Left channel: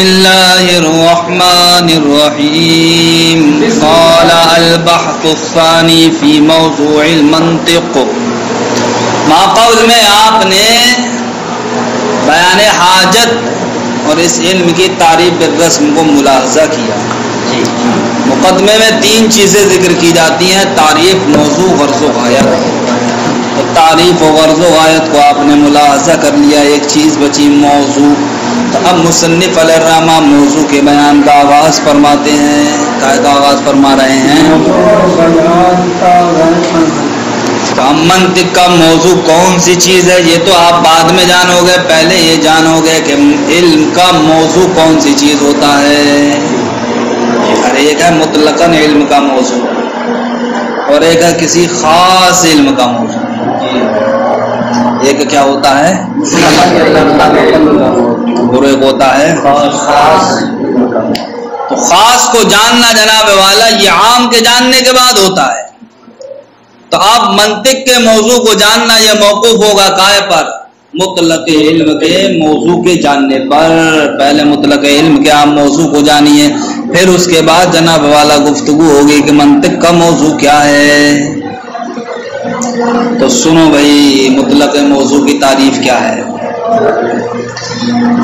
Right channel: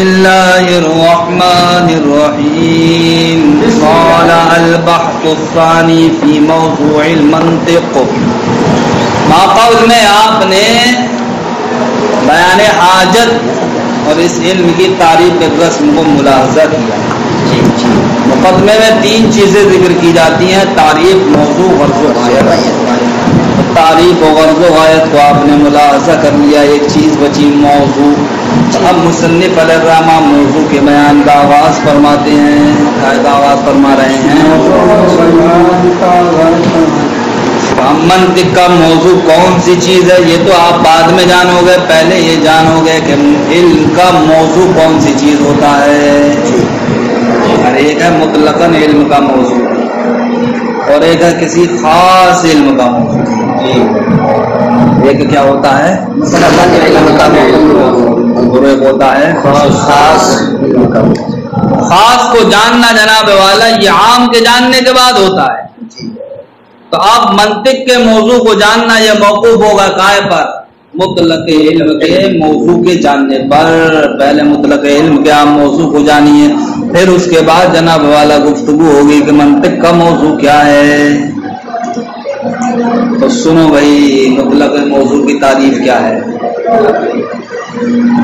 الله الرحمن الرحيم. قال البحث الثاني في موضوع المنطق. ماقول میں آپ نے بیان حاجت اور اس علم کی تعریف رسم کو ملاحظہ کیا. مقدمے میں 3 چیزیں ذکر کی جاتی ہیں: تعریف، موضوع، غرض و غایت. تعریف و غرض و غایت کو آپ نے ملاحظہ کر لیا. ایک چیز بچی موضوع. اب مصنف علیہ الرحمہ موضوع کے بیان کا آغاز فرماتے ہیں. قاعدہ آغاز فرما رہے ہیں. منطق کا موضوع کون سی چیز ہے یہ تو آپ بعد میں جانو گے. پہلے یہ جانو گے کہ علم کا موضوع کون سی چیز ہوتا ہے. ہر ایک ہے مطلقاً علم کا موضوع اور ایک ہے کسی خاص علم کا موضوع. ایک کیا ہوتا ہے اور ایک ہوتا ہے خاص. تو خاص کو جاننا جناب والا یہ عام کے جاننے کے بعد ہوتا ہے. تو اب منطق کے موضوع کو جاننا یہ موقوف ہوگا کائے پر؟ مطلق علم کے موضوع کے جاننے پر. پہلے مطلق علم کے عام موضوع کو جانیے، پھر اس کے بعد جناب والا گفتگو ہوگی کہ منطق کا موضوع کیا ہے. تو سنو بھائی، مطلق موضوع کی تعریف کیا ہے؟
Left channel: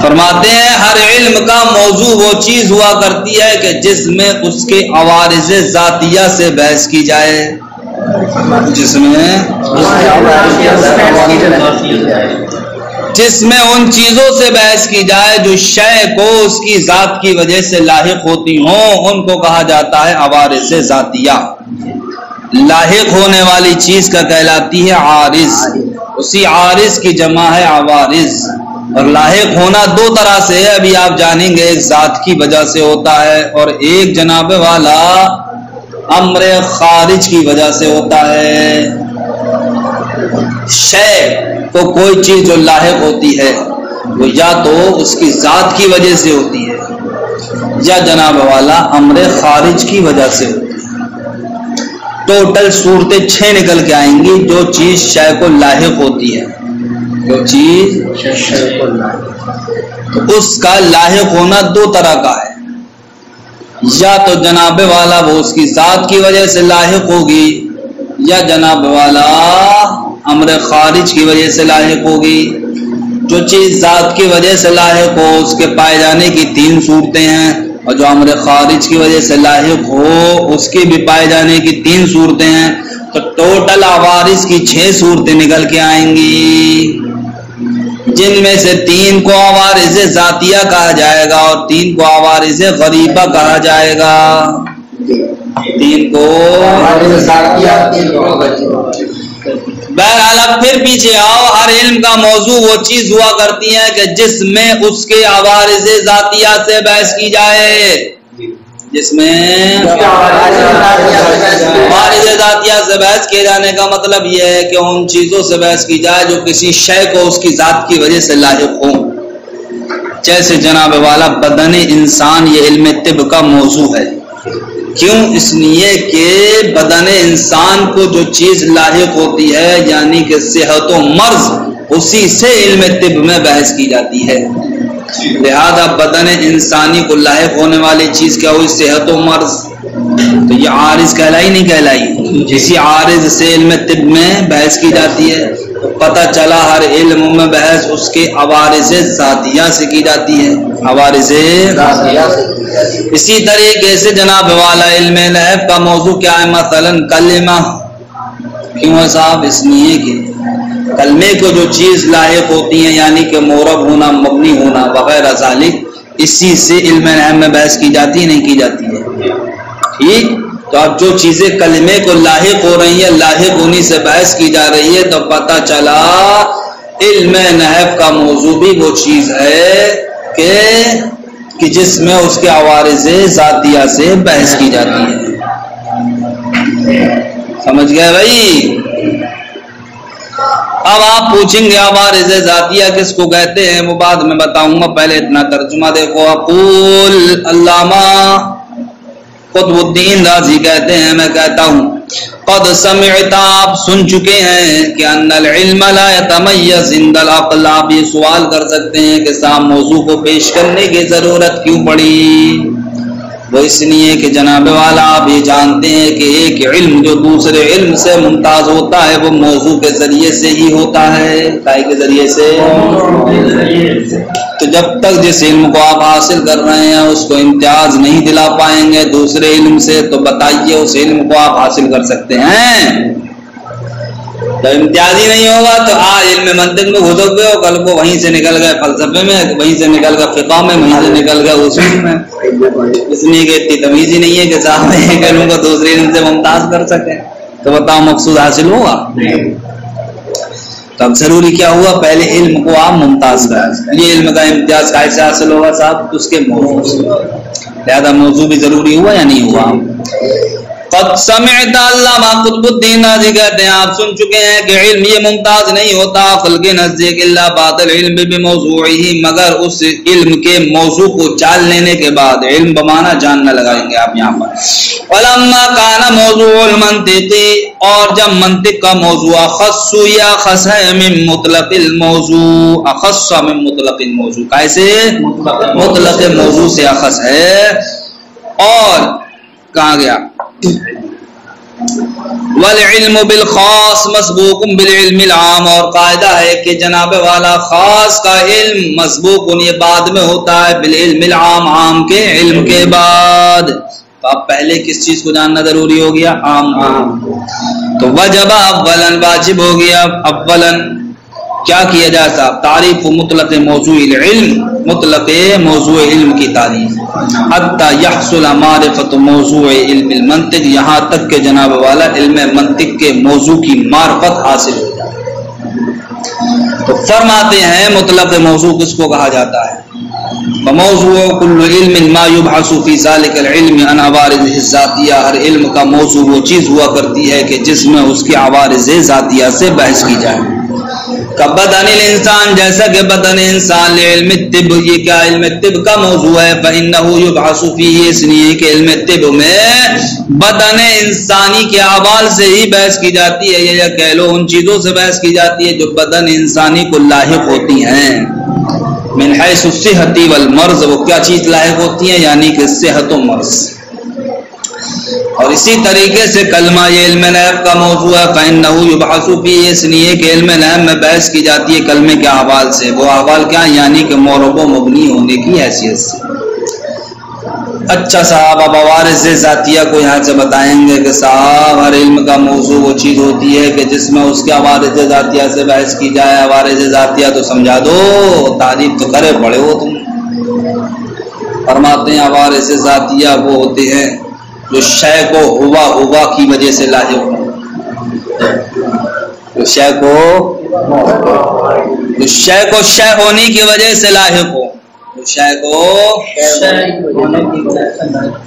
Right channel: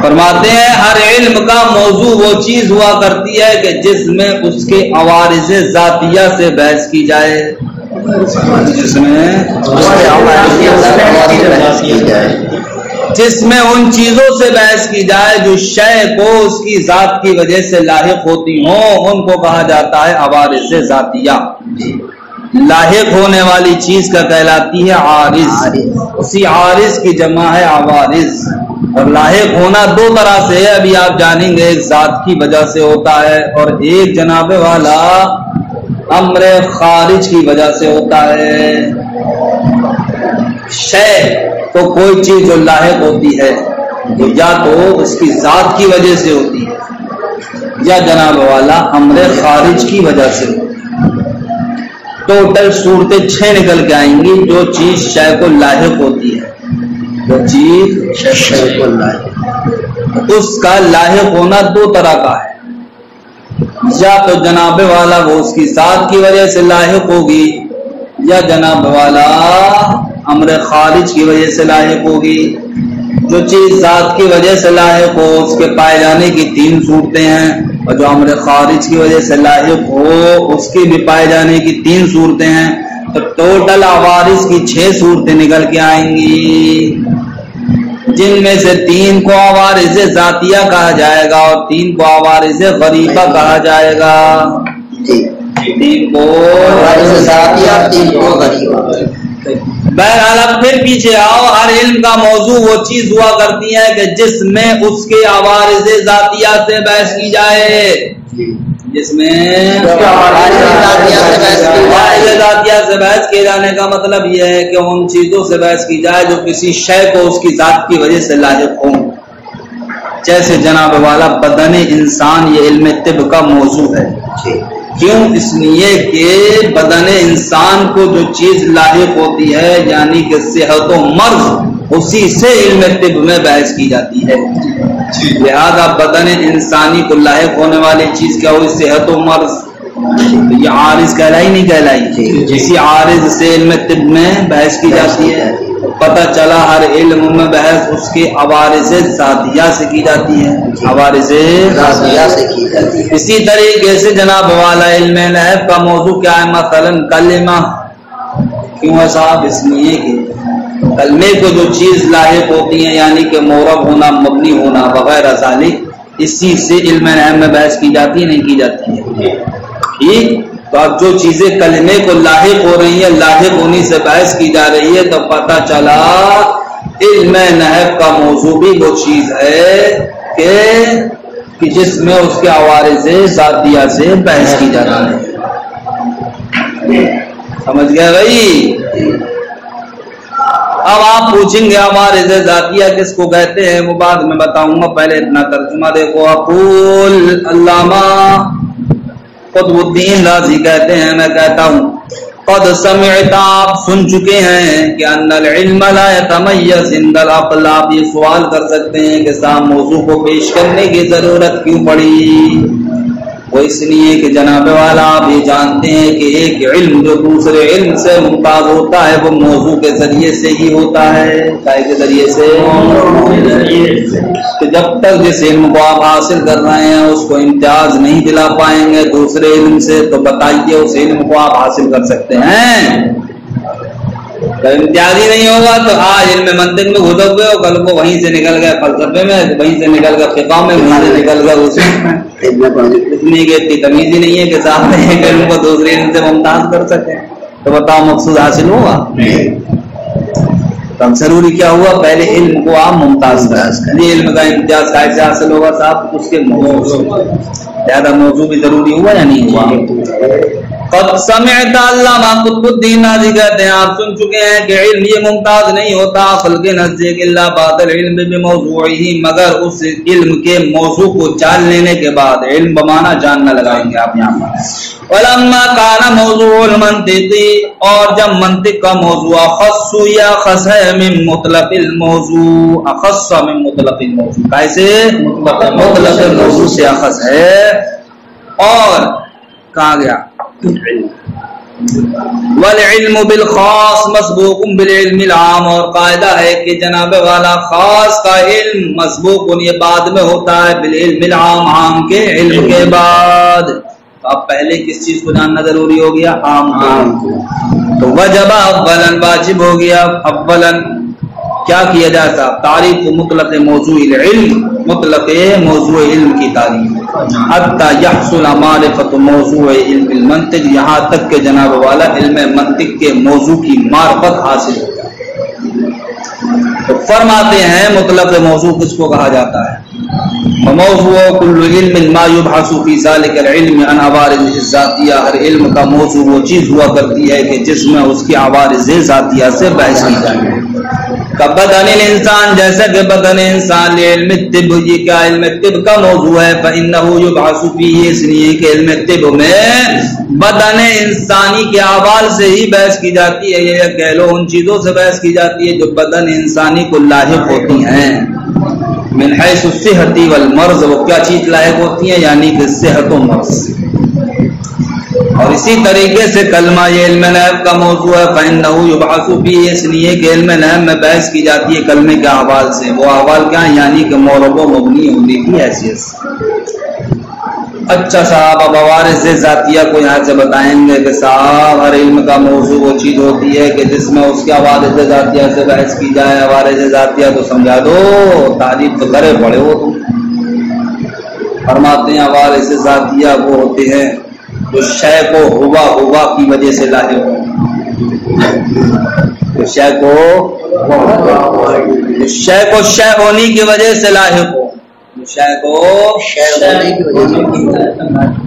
فرماتے ہیں ہر علم کا موضوع وہ چیز ہوا کرتی ہے کہ جس میں اس کے عوارض ذاتیہ سے بحث کی جائے. جس میں ان چیزوں سے بحث کی جائے جو شے کو اس کی ذات کی وجہ سے لاحق ہوتی ہوں، ان کو کہا جاتا ہے عوارض ذاتیہ. لاحق ہونے والی چیز کا کہلاتی ہے عارض. اسی عارض کی جمع ہے عوارض. اور لاحق ہونا 2 طرح سے ہے، ابھی آپ جانیں گے. ایک ذات کی وجہ سے ہوتا ہے اور ایک جناب والا امر خارج کی وجہ سے ہوتا ہے. شے تو کوئی چیز جو لاحق ہوتی ہے وہ یا تو اس کی ذات کی وجہ سے ہوتی ہے یا جناب والا امر خارج کی وجہ سے ہوتی ہے. ٹوٹل صورتیں 6 نکل کے آئیں گی جو چیز شے کو لاحق ہوتی ہے. جو چیز شے کو لاحق، تو اس کا لاحق ہونا 2 طرح کا ہے. یا تو جناب والا وہ اس کی ذات کی وجہ سے لاحق ہوگی یا جناب والا امر خارج کی وجہ سے لاحق ہوگی. جو چیز ذات کی وجہ سے لاحق ہو اس کے پائے جانے کی 3 صورتیں ہیں، اور جو امر خارج کی وجہ سے لاحق ہو اس کے بھی پائے جانے کی 3 صورتیں ہیں. تو ٹوٹل عوارض کی 6 صورتیں نکل کے آئیں گی، جن میں سے 3 کو عوارض ذاتیہ کہا جائے گا اور 3 کو عوارض غریبہ کہا جائے گا. 3 کو عوارض ذاتیہ، 3 کو غریبہ. بہرحال اب پھر پیچھے آؤ. ہر علم کا موضوع وہ چیز ہوا کرتی ہے کہ جس میں اس کے عوارض ذاتیہ سے بحث کی جائے. جس میں عوارض ذاتیہ سے بحث کیے جانے کا مطلب یہ ہے کہ ان چیزوں سے بحث کی جائے جو کسی شے کو اس کی ذات کی وجہ سے لاحق ہوں. جیسے جناب والا بدن انسان یہ علم طب کا موضوع ہے. کیوں؟ اس لیے کہ بدن انسان کو جو چیز لاحق ہوتی ہے یعنی کہ صحت و مرض، اسی سے علم طب میں بحث کی جاتی ہے. لہذا بدن انسانی کو لاحق ہونے والی چیز کیا ہوئی؟ صحت و مرض. تو یہ عارض کہلائی نہیں کہلائی؟ اسی عارض سے علم طب میں بحث کی جاتی ہے. پتہ چلا ہر علم میں بحث اس کے عوارض ذاتیہ سے کی جاتی ہے. عوارض ذاتیہ سے کی جاتی ہے. اسی طریقے سے جناب والا علم نحو کا موضوع کیا ہے؟ مثلا کلمہ. کیوں ہے صاحب؟ اس لیے کہ کلمے کو جو چیز لاحق ہوتی ہیں یعنی کہ معرب ہونا، مبنی ہونا وغیرہ ذالک، اسی سے علم نحو میں بحث کی جاتی ہے نہیں کی جاتی ہے؟ ٹھیک. تو اب جو چیزیں کلمے کو لاحق ہو رہی ہیں، لاحق ہونی سے بحث کی جا رہی ہے، تو پتہ چلا علم نحو کا موضوع بھی وہ چیز ہے کہ جس میں اس کے عوارض ذاتیہ سے بحث کی جاتی ہے. سمجھ گئے بھائی؟ اب آپ پوچھیں گے عوارض ذاتیہ کس کو کہتے ہیں؟ وہ بعد میں بتاؤں گا، پہلے اتنا ترجمہ دیکھو. اقول علامہ قطب الدین رازی کہتے ہیں میں کہتا ہوں قد سمعت آپ سن چکے ہیں کہ ان العلم لا يتميز عند العقل. آپ یہ سوال کر سکتے ہیں کہ صاحب موضوع کو پیش کرنے کی ضرورت کیوں پڑی؟ وہ اس لیے کہ جناب والا آپ یہ جانتے ہیں کہ ایک علم جو دوسرے علم سے ممتاز ہوتا ہے وہ موضوع کے ذریعے سے ہی ہوتا ہے. کائے کے ذریعے سے؟ تو جب تک جس علم کو آپ حاصل کر رہے ہیں اس کو امتیاز نہیں دلا پائیں گے دوسرے علم سے تو بتائیے اس علم کو آپ حاصل کر سکتے ہیں؟ جب امتیاز ہی نہیں ہوگا تو آج علم منطق میں گھس گئے ہو، کل کو وہیں سے نکل گئے فلسفے میں، وہیں سے نکل گئے فقہ میں، وہیں سے نکل گئے اصول میں. اس لیے کہ اتنی تمیز ہی نہیں ہے کہ صاحب ایک علم کو دوسرے علم سے ممتاز کر سکیں. تو بتاؤ مقصود حاصل ہوگا؟ تو اب ضروری کیا ہوا؟ پہلے علم کو آپ ممتاز کریں. یہ علم کا امتیاز کیسے حاصل ہوگا صاحب؟ اس کے موضوع. لہذا موضوع بھی ضروری ہوا یا نہیں ہوا؟ قد سمعت علامہ قطب الدین رازی کہتے ہیں آپ سن چکے ہیں کہ علم یہ ممتاز نہیں ہوتا عقل کے نزدیک الا بعد العلم بموضوعه، مگر اس علم کے موضوع کو جان لینے کے بعد. علم بمانا جاننا لگائیں گے آپ یہاں پر. ولما كان موضوع المنطق، اور جب منطق کا موضوع اخص یا اخص ہے من مطلق الموضوع، اخص من مطلق الموضوع، کیسے؟ مطلق موضوع سے اخص ہے. اور کہاں گیا؟ والعلم بالخاص مسبوق بالعلم العام، اور قاعدہ ہے کہ جناب والا خاص کا علم مسبوق یہ بعد میں ہوتا ہے بالعلم العام، عام کے علم کے بعد. تو اب پہلے کس چیز کو جاننا ضروری ہو گیا؟ عام کو. تو وجب اولاً واجب ہو گیا اولاً کیا کیا جاتا؟ تعریف مطلق موضوع العلم، مطلق موضوع علم کی تعریف. حتی یحصل معرفت موضوع علم المنطق، یہاں تک کہ جناب والا علم منطق کے موضوع کی معرفت حاصل ہو جائے. تو فرماتے ہیں مطلق موضوع کس کو کہا جاتا ہے؟ موضوع کل علم ما یبحث فی ذلک العلم عن عوارض الذاتیہ، ہر علم کا موضوع وہ چیز ہوا کرتی ہے کہ جس میں اس کی عوارض ذاتیہ سے بحث کی جائے. بدن الانسان، جیسا کہ بدن انسان. علم طب، یہ کیا علم طب کا موضوع ہے؟ فإنه يبحث فيه، اس لیے کہ علم طب میں بدن انسانی کے اعمال سے ہی بحث کی جاتی ہے، یا کہہ لو ان چیزوں سے بحث کی جاتی ہے جو بدن انسانی کو لاحق ہوتی ہیں. من حیث الصحت والمرض، وہ کیا چیز لاحق ہوتی ہیں؟ یعنی کہ صحت و مرض. اور اسی طریقے سے کلمہ یہ علم نیب کا موضوع ہے. فإنه يبحث فيه، اس لیے کہ علم نیب میں بحث کی جاتی ہے کلمے کے احوال سے. وہ احوال کیا ہیں؟ یعنی کہ معرب و مبنی ہونے کی حیثیت سے. اچھا صاحب اب عوارض ذاتیہ کو یہاں سے بتائیں گے کہ صاحب ہر علم کا موضوع وہ چیز ہوتی ہے کہ جس میں اس کے عوارض ذاتیہ سے بحث کی جائے. عوارض ذاتیہ تو سمجھا دو، تعریف تو کرے پڑے ہو تم. فرماتے ہیں عوارض ذاتیہ وہ ہوتے ہیں جو شے کو ہوا کی وجہ سے لاحق ہو. جو شے کو شے ہونے کی وجہ سے لاحق ہو. شے کو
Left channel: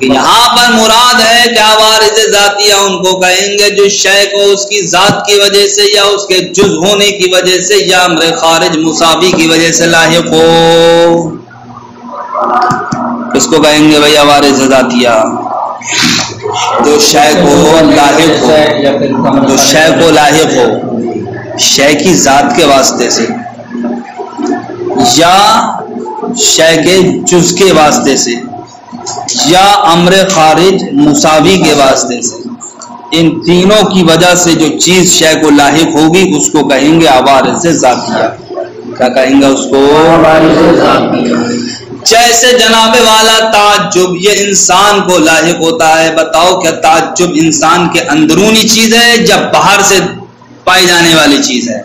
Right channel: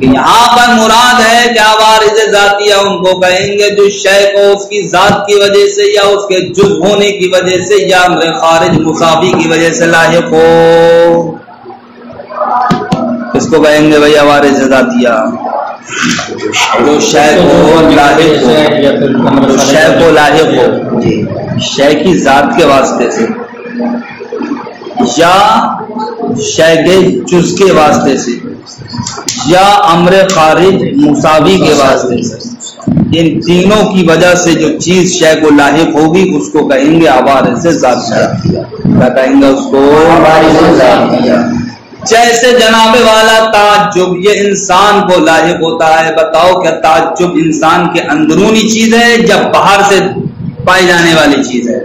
یہاں پر مراد ہے کہ عوارض ذاتیہ ان کو کہیں گے جو شے کو اس کی ذات کی وجہ سے یا اس کے جز ہونے کی وجہ سے یا امر خارج مساوی کی وجہ سے لاحق ہو. کس کو کہیں گے بھائی عوارض ذاتیہ؟ جو شے کو لاحق ہو، جو شے کو لاحق ہو شے کی ذات کے واسطے سے یا شے کے جز کے واسطے سے یا امر خارج مساوی کے واسطے سے. ان تینوں کی وجہ سے جو چیز شے کو لاحق ہوگی اس کو کہیں گے عوارض ذاتیہ. کیا کہیں گے اس کو؟ جیسے جناب والا تعجب یہ انسان کو لاحق ہوتا ہے. بتاؤ کیا تعجب انسان کے اندرونی چیز ہے یا باہر سے پائی جانے والی چیز ہے؟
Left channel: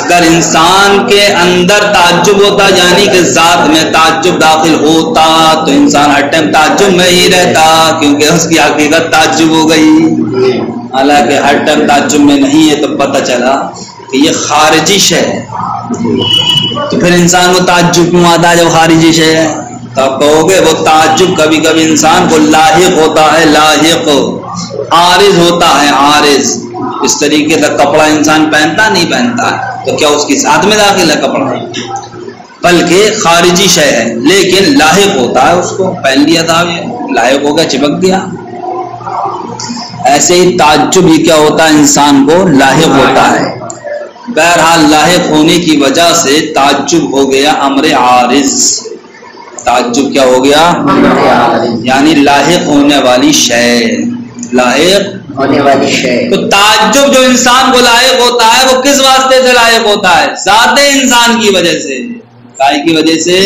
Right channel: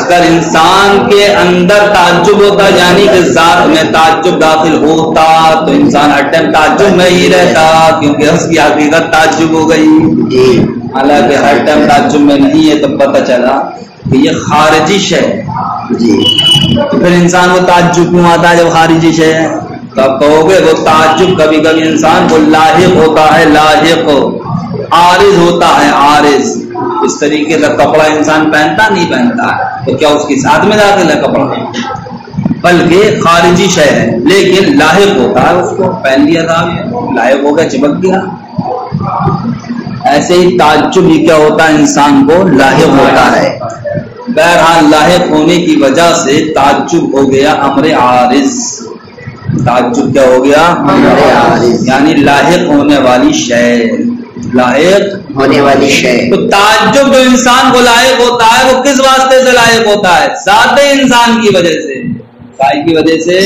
اگر انسان کے اندر تعجب ہوتا یعنی کہ ذات میں تعجب داخل ہوتا تو انسان ہر ٹائم تعجب میں ہی رہتا کیونکہ اس کی حقیقت تعجب ہو گئی. حالانکہ ہر ٹائم تعجب میں نہیں ہے تو پتہ چلا کہ یہ خارجی شے ہے. تو پھر انسان کو تعجب کیوں آتا ہے جب خارجی شے ہے؟ تب کہو گے وہ تعجب کبھی کبھی انسان کو لاحق ہوتا ہے، لاحق عارض ہوتا ہے، عارض. اس طریقے کا کپڑا انسان پہنتا نہیں پہنتا تو کیا اس کی ذات میں داخل ہے کپڑا؟ بلکہ خارجی شے ہے، لیکن لاحق ہوتا ہے اس کو، پہن لیا تھا لاحق ہو گیا، چپک گیا۔ ایسے ہی تعجب ہی کیا ہوتا ہے، انسان کو لاحق ہوتا ہے۔ بہرحال لاحق ہونے کی وجہ سے تعجب ہو گیا امر عارض۔ تعجب کیا ہو گیا، یعنی لاحق ہونے والی شے، لاحق ہونے والی شے۔ تو تعجب جو انسان کو لاحق ہوتا ہے وہ کس واسطے سے لاحق ہوتا ہے؟ ذات انسان کی وجہ سے، کی وجہ سے۔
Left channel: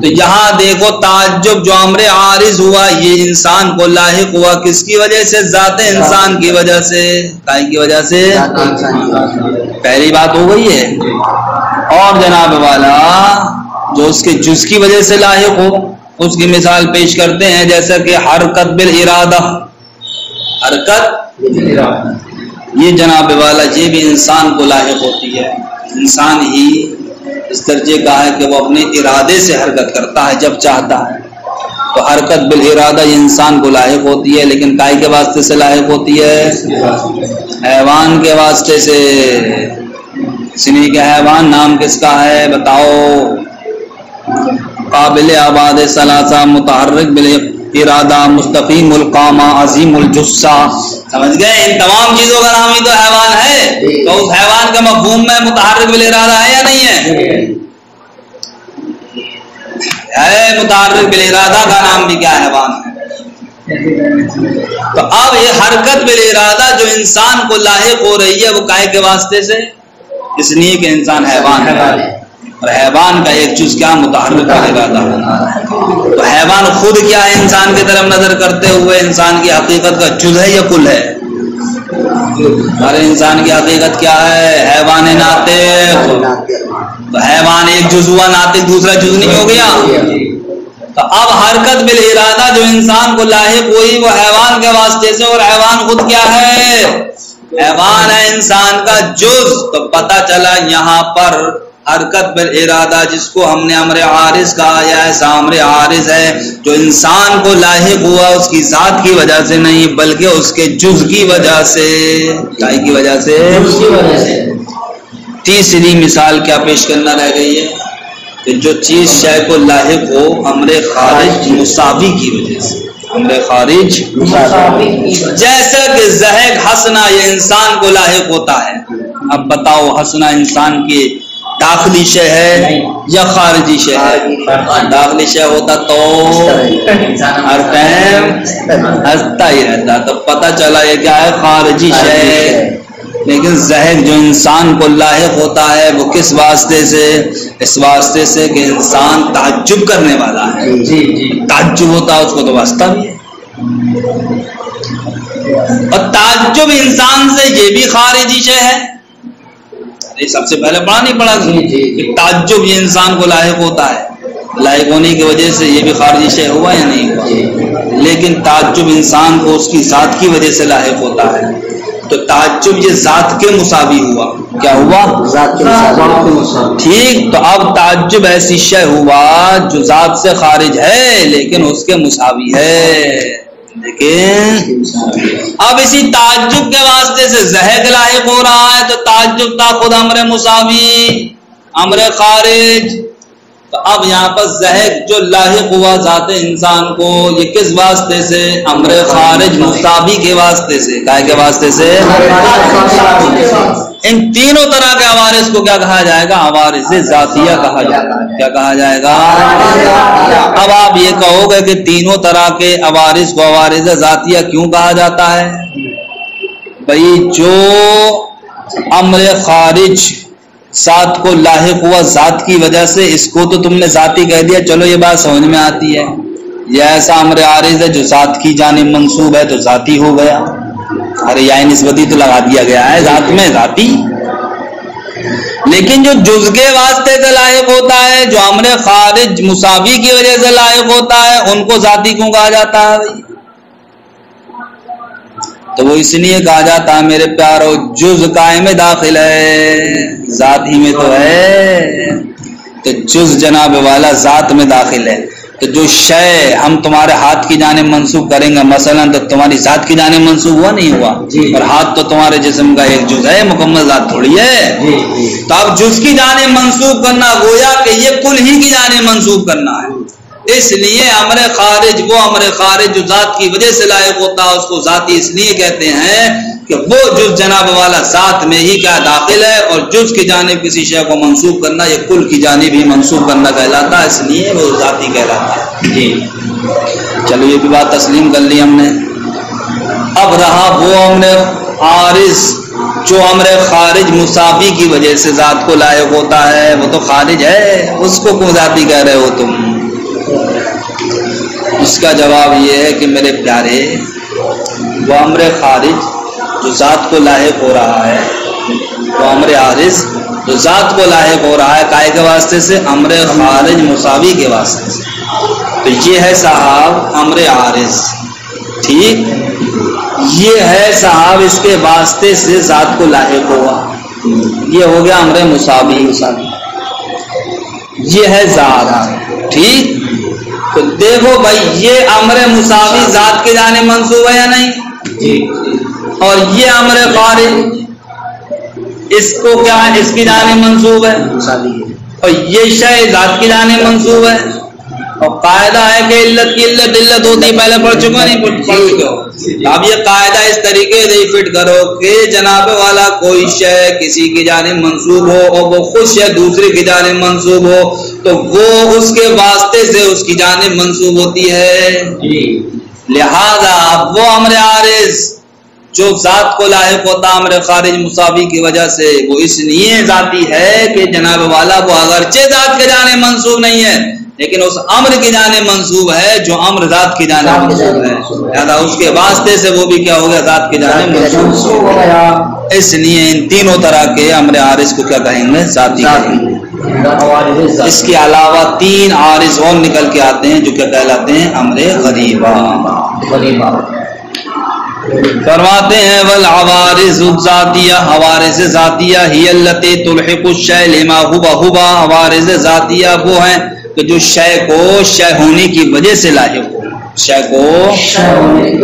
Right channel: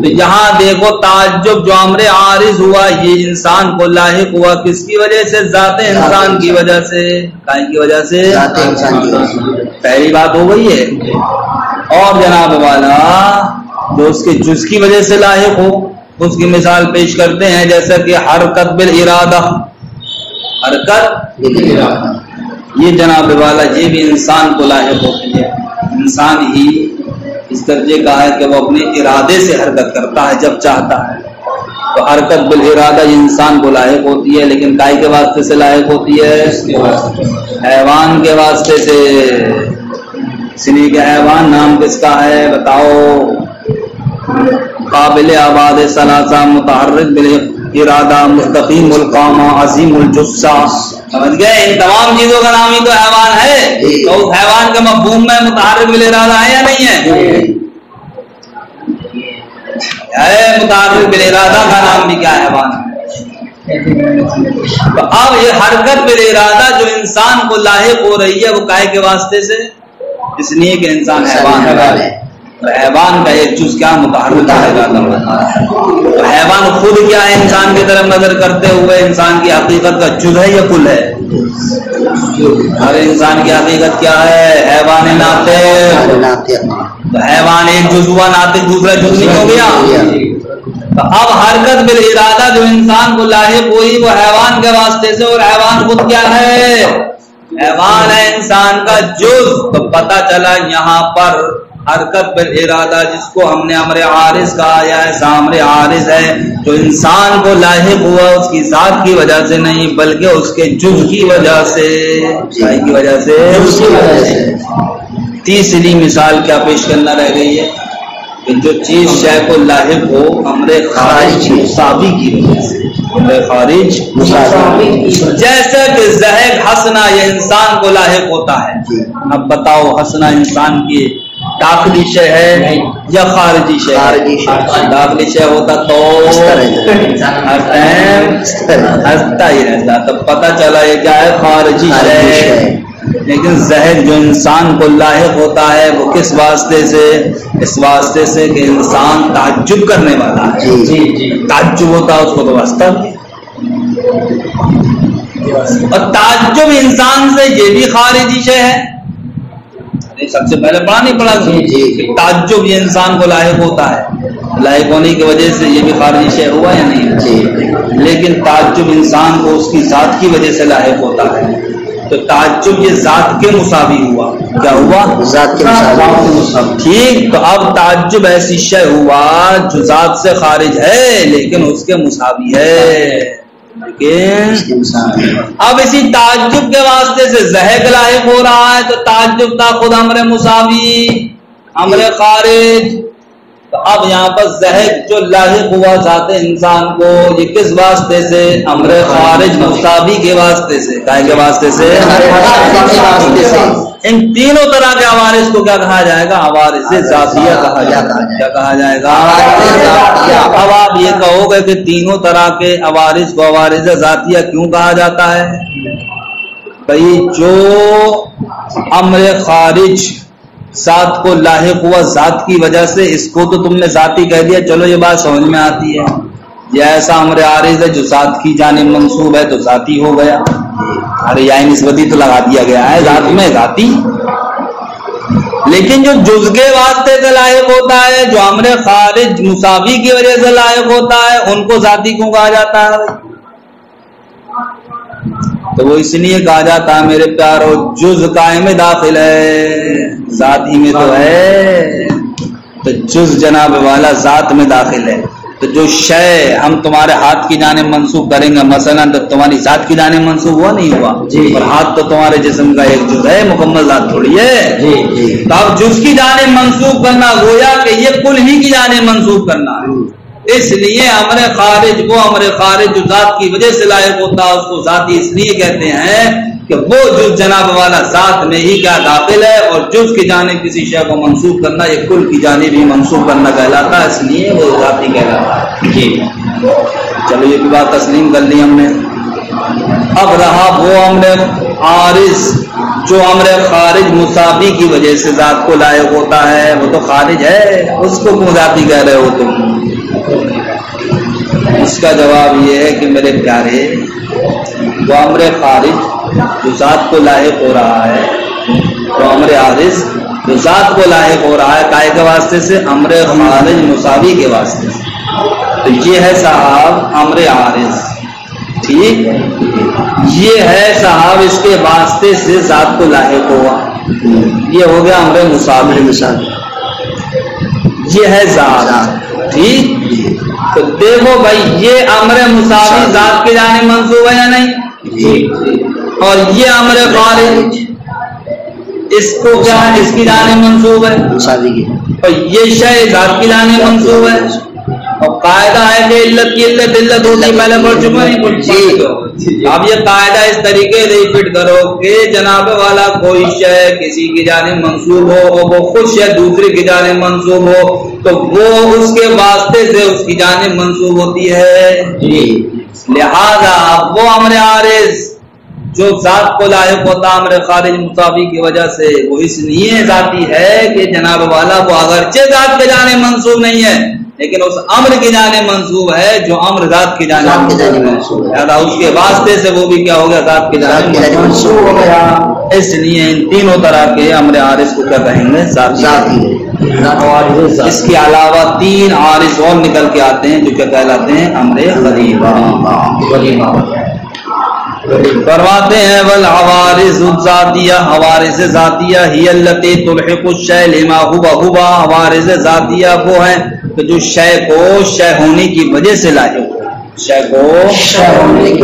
تو یہاں دیکھو تعجب جو امر عارض ہوا یہ انسان کو لاحق ہوا کس کی وجہ سے؟ ذات انسان کی وجہ سے، کی وجہ سے، پہلی بات ہو گئی ہے۔ اور جناب والا جو اس کے جز کی وجہ سے لاحق ہو اس کی مثال پیش کرتے ہیں، جیسا کہ حرکت بالارادہ، حرکت یہ جناب والا یہ بھی انسان کو لاحق ہوتی ہے۔ انسان ہی اس درجے کا ہے کہ وہ اپنے ارادے سے حرکت کرتا ہے جب چاہتا ہے، تو حرکت بالارادہ یہ انسان کو لاحق ہوتی ہے، لیکن کائے کے واسطے سے لاحق ہوتی ہے؟ حیوان کے واسطے سے۔ اس لیے کہ حیوان نام کس کا ہے بتاؤ؟ قابل آباد ثلاثہ، متحرک بالارادہ، مستقیم القامہ، عظیم الجثہ، سمجھ گئے؟ ان تمام چیزوں کا نام ہی تو حیوان ہے۔ تو اس حیوان کے مفہوم میں متحرک بالارادہ ہے یا نہیں ہے؟ متحرک بالارادہ کا نام بھی کیا حیوان ہے۔ تو اب یہ حرکت بالارادہ جو انسان کو لاحق ہو رہی ہے وہ کائے کے واسطے سے؟ اس لیے کہ انسان حیوان ہے، اور حیوان کا ایک جز کیا؟ متحرک بالارادہ۔ تو حیوان خود کیا ہے؟ انسان کی طرف نظر کرتے ہوئے انسان کی حقیقت کا جز ہے یا کل ہے؟ ہر انسان کی حقیقت کیا ہے؟ حیوان ناطق۔ تو حیوان ایک جز ہوا، ناطق دوسرا جز نہیں ہو گیا؟ تو اب حرکت بالارادہ جو انسان کو لاحق ہوئی وہ حیوان کے واسطے سے، اور حیوان خود کیا ہے؟ حیوان ہے انسان کا جز۔ تو پتہ چلا یہاں پر حرکت بالارادہ جس کو ہم نے امر عارض کہا، یا ایسا امر عارض ہے جو انسان کو لاحق ہوا اس کی ذات کی وجہ سے نہیں بلکہ اس کے جز کی وجہ سے، کی وجہ سے۔ تیسری مثال کیا پیش کرنا رہ گئی ہے کہ جو چیز شے کو لاحق ہو امر خارج مساوی کی وجہ سے، امر خارج جیسے کہ زہق ہنسنا یہ انسان کو لاحق ہوتا ہے۔ اب بتاؤ ہنسنا انسان کی داخلی شے ہے یا خارجی شے ہے؟ داخلی شے ہوتا تو ہر ٹائم ہنستا ہی رہتا، تو پتہ چلا یہ کیا ہے؟ خارجی شے۔ لیکن زہر جو انسان کو لاحق ہوتا ہے وہ کس واسطے سے؟ اس واسطے سے کہ انسان تعجب کرنے والا ہے، تعجب ہوتا ہے اس کو تو واسطہ بھی ہے، اور تعجب انسان سے یہ بھی خارجی شے ہے۔ سب سے پہلے پڑھا نہیں پڑا کہ تعجب یہ انسان کو لاحق ہوتا ہے، لاحق ہونے کی وجہ سے یہ بھی خارجی شے ہوا یا نہیں ہوا؟ لیکن تعجب انسان کو اس کی ذات کی وجہ سے لاحق ہوتا ہے، تو تعجب یہ ذات کے مساوی ہوا۔ کیا ہوا؟ ذات کے مساوی۔ ٹھیک، تو اب تعجب ایسی شے ہوا جو ذات سے خارج ہے لیکن اس کے مساوی ہے۔ لیکن اب اسی تعجب کے واسطے سے زہق لاحق ہو رہا ہے، تو تعجب تھا خود امر مساوی، امر خارج۔ تو اب یہاں پر زہق جو لاحق ہوا ذات انسان کو یہ کس واسطے سے؟ امر خارج مساوی کے واسطے سے۔ کائے کے واسطے سے؟ ان تینوں طرح کے عوارض کو کیا کہا جائے گا؟ عوارض ذاتیہ کہا جائے گا۔ کیا کہا جائے گا؟ اب آپ یہ کہو گے کہ تینوں طرح کے عوارض کو عوارض ذاتیہ کیوں کہا جاتا ہے؟ بھئی جو امر خارج ذات کو لاحق ہوا ذات کی وجہ سے، اس کو تو تم نے ذاتی کہہ دیا، چلو یہ بات سمجھ میں آتی ہے۔ یہ ایسا امر عارض ہے جو ذات کی جانب منسوب ہے تو ذاتی ہو گیا، ارے یعنی نسبتی تو لگا دیا گیا ہے ذات میں، ذاتی۔ لیکن جو جز کے واسطے سے لاحق ہوتا ہے، جو امر خارج مساوی کی وجہ سے لاحق ہوتا ہے، ان کو ذاتی کیوں کہا جاتا ہے؟ تو وہ اس لیے کہا جاتا ہے میرے پیارو جز قائم داخل ہے، ذات ہی میں تو ہے، تو جز جناب والا ذات میں داخل ہے، تو تو جو شے ہم تمہارے ہاتھ کی جانب منسوب کریں گے مثلا تو تمہاری ذات کی جانب منسوب ہوا نہیں ہوا؟ اور ہاتھ تو تمہارے جسم کا ایک جز ہے، مکمل ذات تھوڑی ہے۔ تو اب جز کی جانب منسوب کرنا گویا کہ یہ کل ہی کی جانب منسوب کرنا ہے۔ اس لیے امر خارج، وہ امر خارج جو ذات کی وجہ سے لائق ہوتا ہے اس کو ذاتی اس لیے کہتے ہیں کہ وہ جز جناب والا ذات میں ہی کیا داخل ہے، اور جز کی جانب کسی شے کو منسوب کرنا یہ کل کی جانب ہی منسوب کرنا کہلاتا ہے، اس لیے وہ ذاتی کہلاتا ہے۔ چلو یہ بھی بات تسلیم کر لی ہم نے۔ اب رہا وہ امر عارض جو امر خارج مساوی کی وجہ سے ذات کو لائق ہوتا ہے، وہ تو خارج ہے، اس کو کیوں ذاتی کہہ رہے ہو تم؟ اس کا جواب یہ ہے کہ میرے پیارے، وہ امر خارج جو ذات کو لاحق ہو رہا ہے، وہ امر عارض جو ذات کو لاحق ہو رہا ہے کائے کے واسطے سے؟ امر خارج مساوی کے واسطے سے۔ تو یہ ہے صاحب امر عارض، ٹھیک، یہ ہے صاحب اس کے واسطے سے ذات کو لاحق ہوا، یہ ہو گیا امر مساوی، یہ ہے ذات، ٹھیک۔ تو دیکھو بھائی یہ امر مساوی ذات کی جانب منسوب ہے یا نہیں؟ اور یہ امر خارج اس کو کیا ہے؟ اس کی جانب منسوب ہے، اور یہ شے ذات کی جانب منسوب ہے۔ اور قاعدہ ہے کہ علت کی علت علت ہوتی، پہلے پڑھ چکا نہیں پڑھ چکا؟ اب یہ قاعدہ اس طریقے سے فٹ کرو کہ جناب والا کوئی شے کسی کی جانب منسوب ہو اور وہ خود شے دوسرے کی جانب منسوب ہو تو وہ اس کے واسطے سے اس کی جانب منسوب ہوتی ہے۔ لہذا وہ امر عارض جو ذات کو لاحق ہوتا امر خارج مساوی کی وجہ سے، وہ اس لیے ذاتی ہے کہ جناب والا وہ اگرچہ ذات کے جانب منسوب نہیں ہے لیکن اس امر کی جانب منسوب ہے جو امر ذات کی جانب منسوب ہے، لہذا اس کے واسطے سے وہ بھی کیا ہو گیا؟ ذات کی جانب منسوب ہو گیا۔ اس لیے ان تینوں طرح کے امر عارض کو کیا کہیں گے؟ ذاتی کہیں گے۔ اس کے علاوہ تین عارض اور نکل کے آتے ہیں جو کیا کہلاتے ہیں؟ امر غریبہ۔ فرماتے ہیں والعوارض الذاتیہ، عوارض ذاتیہ ہی التی تلحق الشیء لما هو هو، عوارض ذاتیہ وہ ہیں کہ جو شے کو شے ہونے کی وجہ سے لاحق ہو، شے کو شے ہونے کی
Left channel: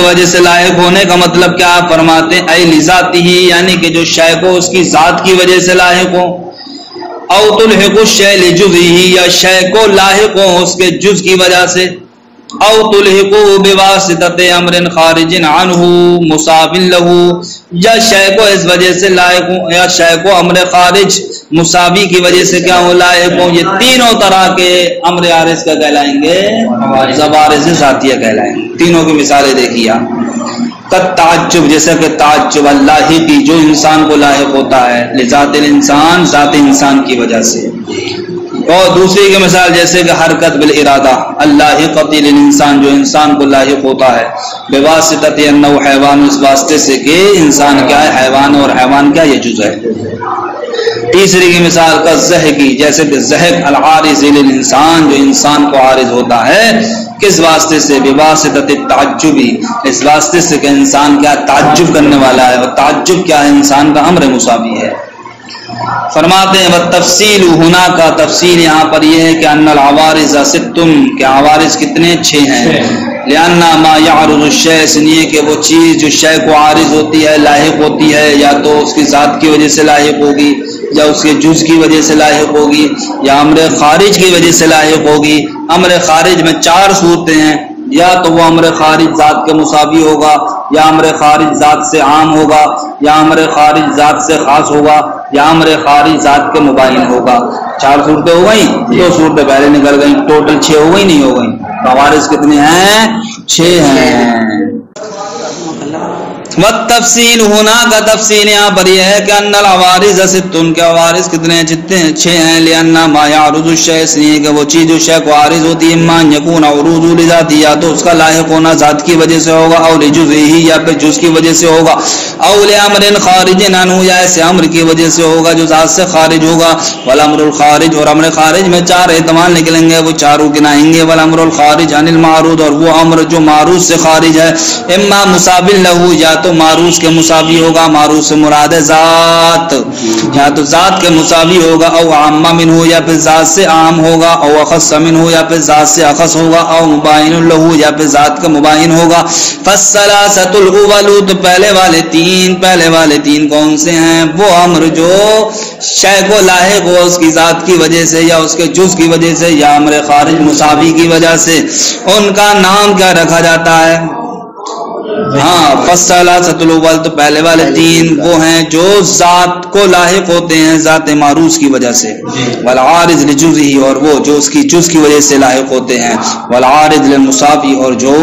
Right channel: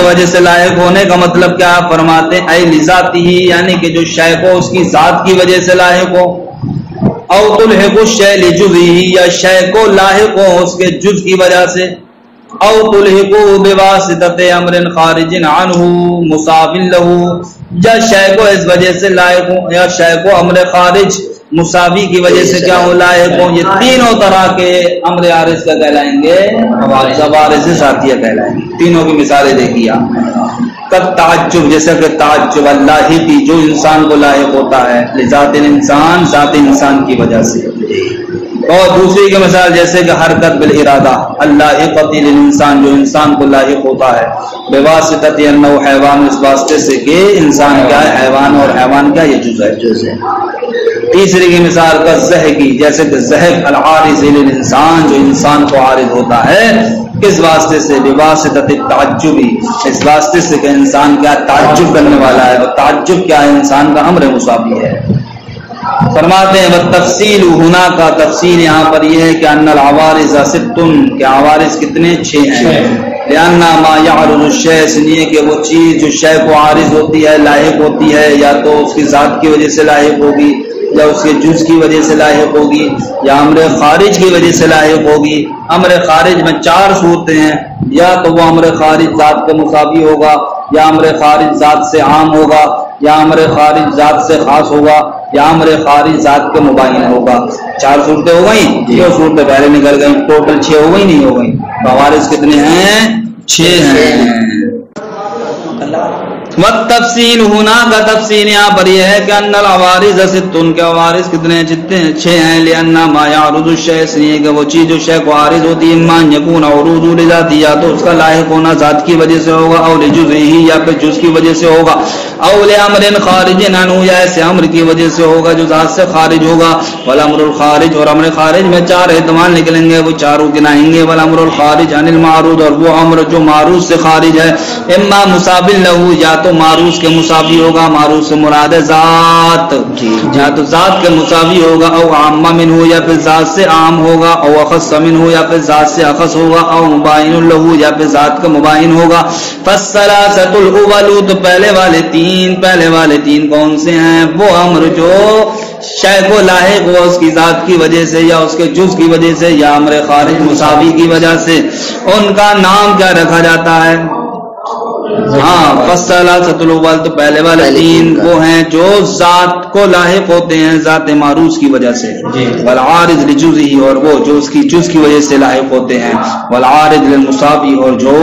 وجہ سے لاحق ہونے کا مطلب کیا فرماتے ہیں؟ اے لذاتہ، یعنی کہ جو شے کو اس کی ذات کی وجہ سے لاحق ہو، او تلحق الشیء لجزئہ، یا شے کو لاحق ہو اس کے جز کی وجہ سے، او تلحقو بواسطت امر خارج عنہ مصاب لہ، یا شے کو اس وجہ سے لائق ہوں، یا شے کو امر خارج مساوی کی وجہ سے کیا ہو؟ لائق ہوں۔ یہ تینوں طرح کے امر عارض کا کہلائیں گے عوارض ذاتیہ کہلائیں گے۔ تینوں کی مثالیں دیکھیے آپ۔ تعجب، جیسا کہ تعجب اللہ کی جو انسان کو لاحق ہوتا ہے، لذات الانسان، ذات انسان کی وجہ سے۔ اور دوسری کی مثال جیسے کہ حرکت بالارادہ، اللہ قتل انسان جو انسان کو لاحق ہوتا ہے، بواسطت انہ حیوان، اس واسطے سے کہ انسان کیا ہے؟ حیوان، اور حیوان کیا؟ یہ جز ہے۔ تیسری کی مثال کا زہقی، جیسے کہ زہق العارض للانسان جو انسان کو عارض ہوتا ہے، کس واسطے سے؟ بواسطت التعجبی، اس واسطے سے کہ انسان کیا تعجب کرنے والا ہے، وہ تعجب کیا ہے؟ انسان کا امر مساوی ہے۔ فرماتے ہیں والتفصیل ہونا کا تفصیل یہاں پر یہ ہے کہ ان العوارض ست، کہ عوارض کتنے؟ 6 ہیں۔ لأن ما يعرض الشيء، اس لیے کہ وہ چیز جو شے کو عارض ہوتی ہے، لاحق ہوتی ہے، یا تو اس کی ذات کی وجہ سے لاحق ہوگی، یا اس کے جز کی وجہ سے لاحق ہوگی، یا امر خارج کی وجہ سے لاحق ہوگی۔ امر خارج میں 4 صورتیں ہیں، یا تو وہ امر خارج ذات کے مساوی ہوگا، یا امر خارج ذات سے عام ہوگا، یا امر خارج ذات سے خاص ہوگا، یا امر خارج ذات کے مبین ہوگا۔ 4 صورتیں ہو گئیں، 2 صورتیں پہلے نکل گئیں، ٹوٹل 6 ہو گئی نہیں ہو گئیں؟ عوارض کتنے ہیں؟ 6 ہیں۔ والتفصیل ہونا کا تفصیل یہاں پر یہ ہے کہ ان العوارض ست، کے عوارض کتنے ہیں؟ جتنے 6 ہیں۔ لأن ما يعرض الشيء، اس لیے کہ وہ چیز جو شے کو عارض ہوتی ہے، اما ان يكون عروض لذاتہ، یا تو اس کا لاحق ہونا ذات کی وجہ سے ہوگا، او لجزئہ، یا پھر جز کی وجہ سے ہوگا، او لامر خارج عنہ، یا ایسے امر کی وجہ سے ہوگا جو ذات سے خارج ہوگا۔ والامر الخارج، اور امر خارج میں 4 احتمال نکلیں گے، وہ چاروں گنائیں گے۔ والامر الخارج عن المعروض، اور وہ امر جو معروض سے خارج ہے، اما مساو لہ، یا تو معروض کے مساوی ہوگا، معروض سے مراد ہے ذات، یا تو ذات کے مساوی ہوگا، او عام منہ یا پھر ذات سے عام ہوگا، او اخص منہ یا پھر ذات سے اخص ہوگا، او مباین لہ یا پھر ذات کا مباین ہوگا۔ فالثلاثۃ الاول، تو پہلے والے تین کون سے ہیں؟ وہ امر جو شے کو لاحق ہو اس کی ذات کی وجہ سے یا اس کے جز کی وجہ سے یا امر خارج مساوی کی وجہ سے، ان کا نام کیا رکھا جاتا ہے؟ فالثلاثۃ الاول، تو پہلے والے تین وہ ہیں جو ذات کو لاحق ہوتے ہیں ذات معروض کی وجہ سے، والعارض لجزہ، اور وہ جو اس کی جز کی وجہ سے لاحق ہوتے ہیں، والعارض للمساوی، اور جو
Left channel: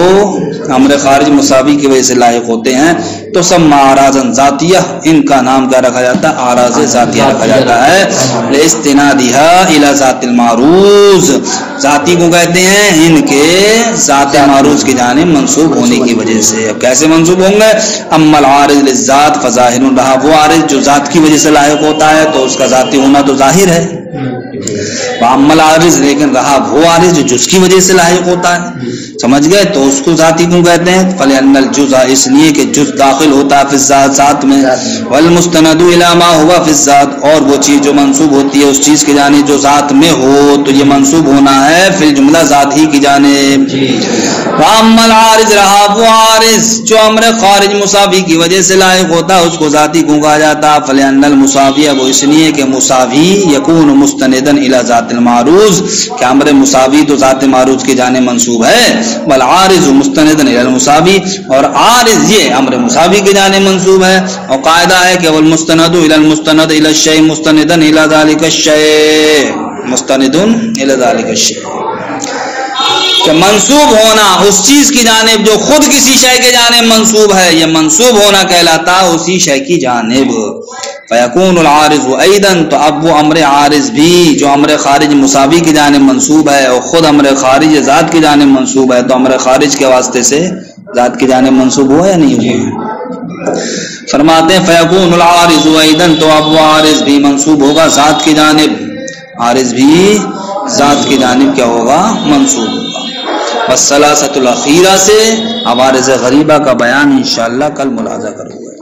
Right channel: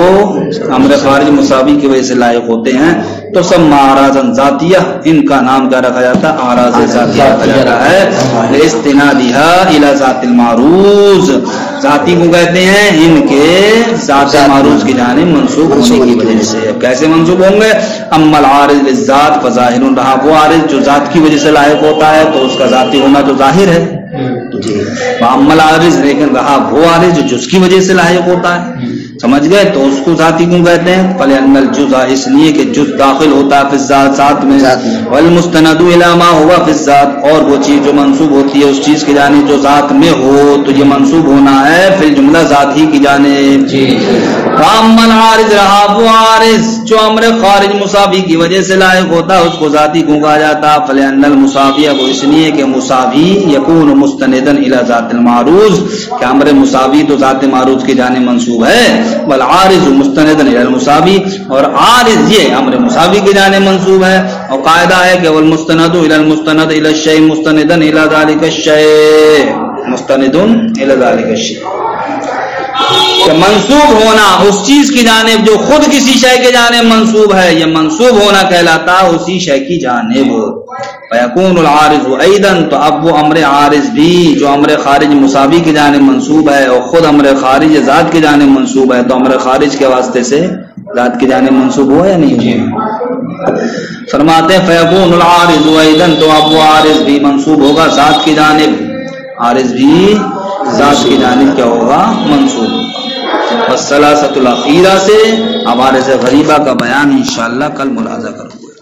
امر خارج مساوی کی وجہ سے لاحق ہوتے ہیں، تو سما اعراضا ذاتیہ، ان کا نام کیا رکھا جاتا ہے؟ اعراض ذاتیہ رکھا جاتا ہے، لاستنادها الى ذات المعروض، ذاتی کو کہتے ہیں ان کے ذات معروض کی جانب منسوب ہونے کی وجہ سے۔ کیسے منسوب ہوں گے؟ اما العارض للذات فظاہر، رہا وہ عارض جو ذات کی وجہ سے لاحق ہوتا ہے تو اس کا ذاتی ہونا تو ظاہر ہے، اما العارض، لیکن رہا وہ عارض جو جز کی وجہ سے لاحق ہوتا ہے، سمجھ گئے؟ تو اس کو ذاتی کیوں کہتے ہیں؟ فلأن الجزء، اس لیے کہ جز داخل ہوتا ہے فی الذات، ذات میں، والمستند الی ما هو فی الذات، اور وہ چیز جو منسوب ہوتی ہے اس چیز کی جانب جو ذات میں ہو، تو یہ منسوب ہونا ہے فی الجملہ ذات ہی کی جانب۔ واما العارض، رہا وہ عارض جو امر خارج مساوی کی وجہ سے لاحق ہوتا ہے، اس کو ذاتی کیوں کہا جاتا ہے؟ فلأن المساوی، وہ اس لیے کہ مساوی یکون مستندا الی ذات المعروض، کہ امر مساوی تو ذات معروض کی جانب منسوب ہے، والعارض مستندا الی المساوی، اور عارض یہ امر مساوی کی جانب منسوب ہے، اور قاعدہ ہے کہ والمستند الی المستند الی الشیء مستندا الی ذلک الشیء، مستند الی ذلک الشیء، کہ منسوب ہونا اس چیز کی جانب جو خود کسی شے کے جانب منسوب ہے، یہ منسوب ہونا کہلاتا ہے اسی شے کی جانب۔ فیکون العارض ایضا، تو اب وہ امر عارض بھی جو امر خارج مساوی کی جانب منسوب ہے اور خود امر خارج ذات کی جانب منسوب ہے، تو امر خارج کے واسطے سے ذات کی جانب منسوب ہوا یا نہیں ہوا؟ فرماتے ہیں فیکون العارض ایضا، تو اب وہ عارض بھی منسوب ہوگا ذات کی جانب، عارض بھی ذات کی جانب کیا ہوگا؟ منسوب ہوگا۔ والثلاثۃ الاخیرہ سے عوارض غریبہ کا بیان انشاءاللہ کل ملاحظہ کروں گا۔